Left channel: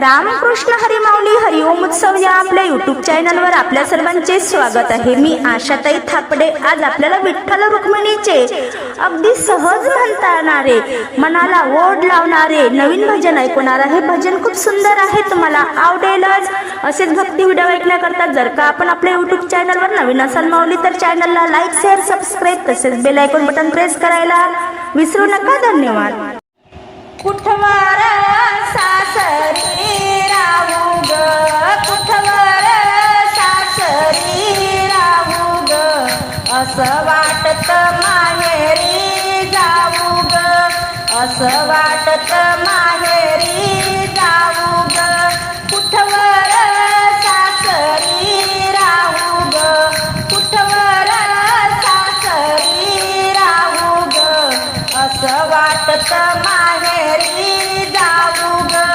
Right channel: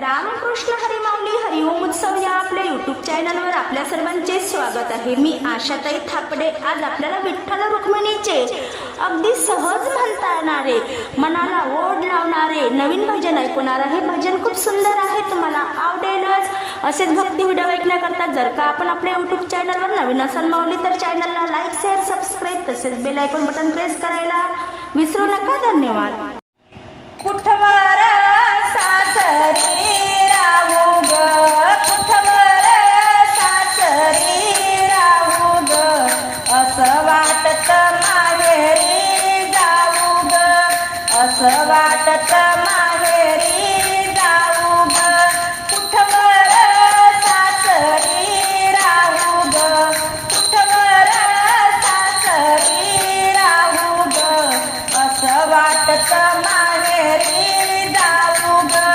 रामकृष्ण हरिमावली हरिओम उत्सव या आपल्या युट्यूब चॅनलवर आपल्या सर्वांचे स्वागत आहे. मी आशाताई थापडे. आज आपल्याला विठ्ठल रुक्मिणीचे अगदी सहज म्हणता येणारे मनाला ओढ लावणारे नवीन भजन ऐकणार आहे. भजन खूप सुंदर आहे तुम्हाला. आवडेलच. असेच भक्ती व्हिडिओ ऐकण्याकरता जर का आपण आपल्या युट्यूब चॅनलवर नवीन असाल माऊली तर चॅनलला लाईक शेअर सबस्क्राईब तसेच बेल आयकॉन बटन प्रेस करायला विसरू नका. धन्यवाद. कुठवा असं वाटत माहेरी जाऊ ग. असं वाटत माहेरी जाऊ ग. कुठवर सासरी राहू ग? कुठवर सासरी राहू ग? असं वाटत माहेरी जाऊ ग.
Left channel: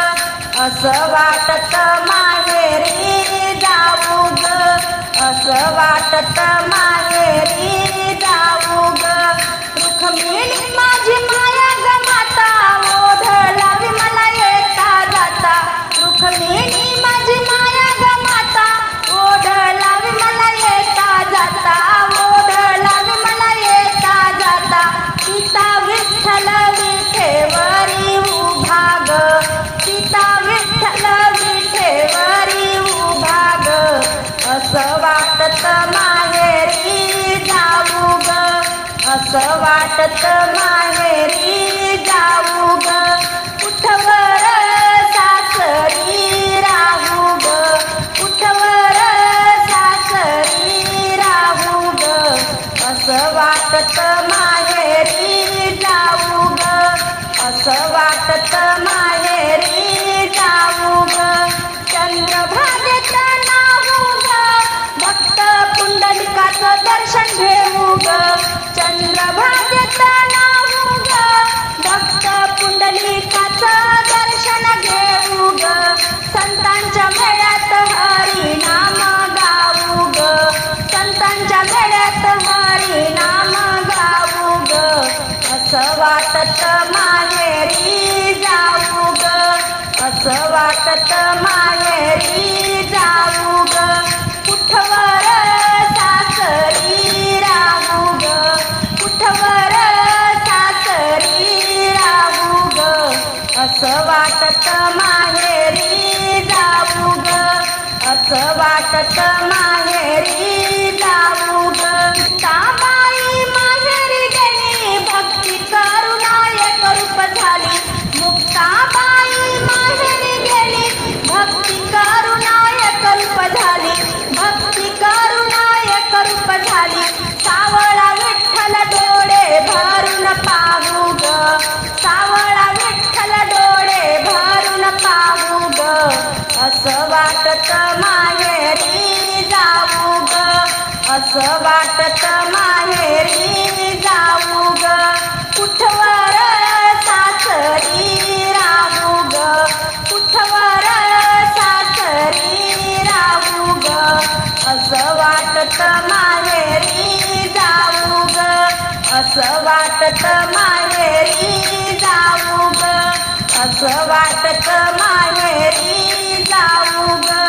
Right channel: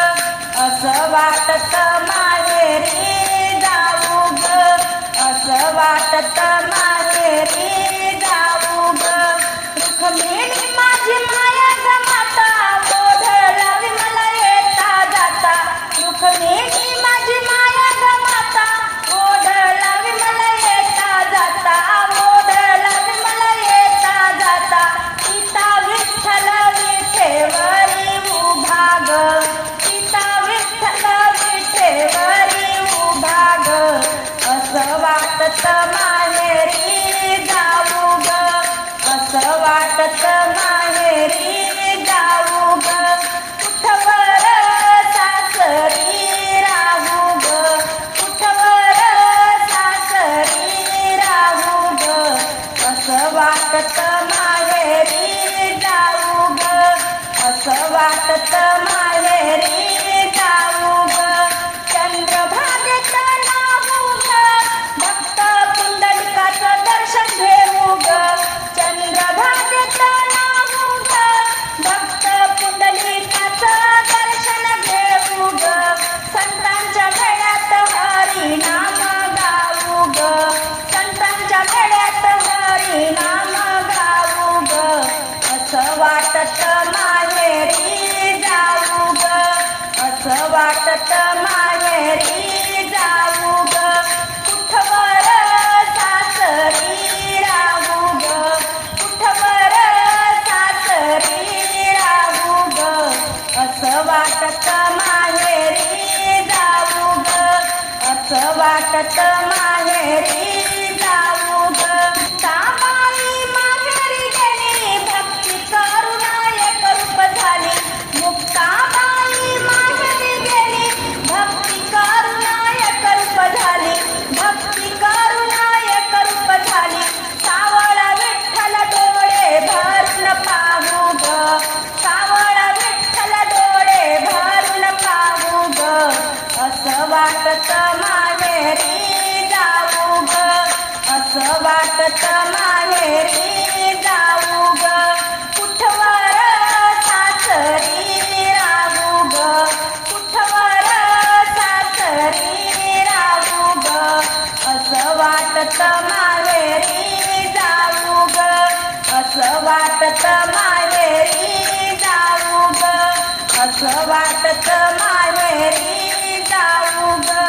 असं वाटत माहेरी वाटत माहेरी जाऊ ग. रुक्मिणी माझी माया ग माता. ओढ लावी मला येता जाता. रुक्मिणी माझी माया ग माता. ओढ लावी मला येता जाता. ओढ लावी मला येता जाता. पिता विठ्ठल वाटत माहेरी जाऊ ग. असं वाटत माहेरी जाऊ ग. कुठवर सासरी राहू ग. कुठवर सासरी राहू ग. असं वाटत माहेरी जाऊ ग. असं वाटत माहेरी जाऊ ग. संतांच्या मेळ्यात हरी नाम गाऊ ग. संतांच्या मेळ्यात हरी नाम गाऊ ग. असं वाटत माहेरी जाऊ ग. असं वाटत माहेरी जाऊ ग. कुठवर माहेरी जाऊ ग. असं वाटत माहेरी जाऊ असं वाटत माहेरी जाऊ ग. कुठवर सासरी राहू ग कुठवर सासरी राहू ग असं वाटत माहेरी जाऊ ग असं वाटत माहेरी जाऊ ग असं वाटत माहेरी जाऊ ग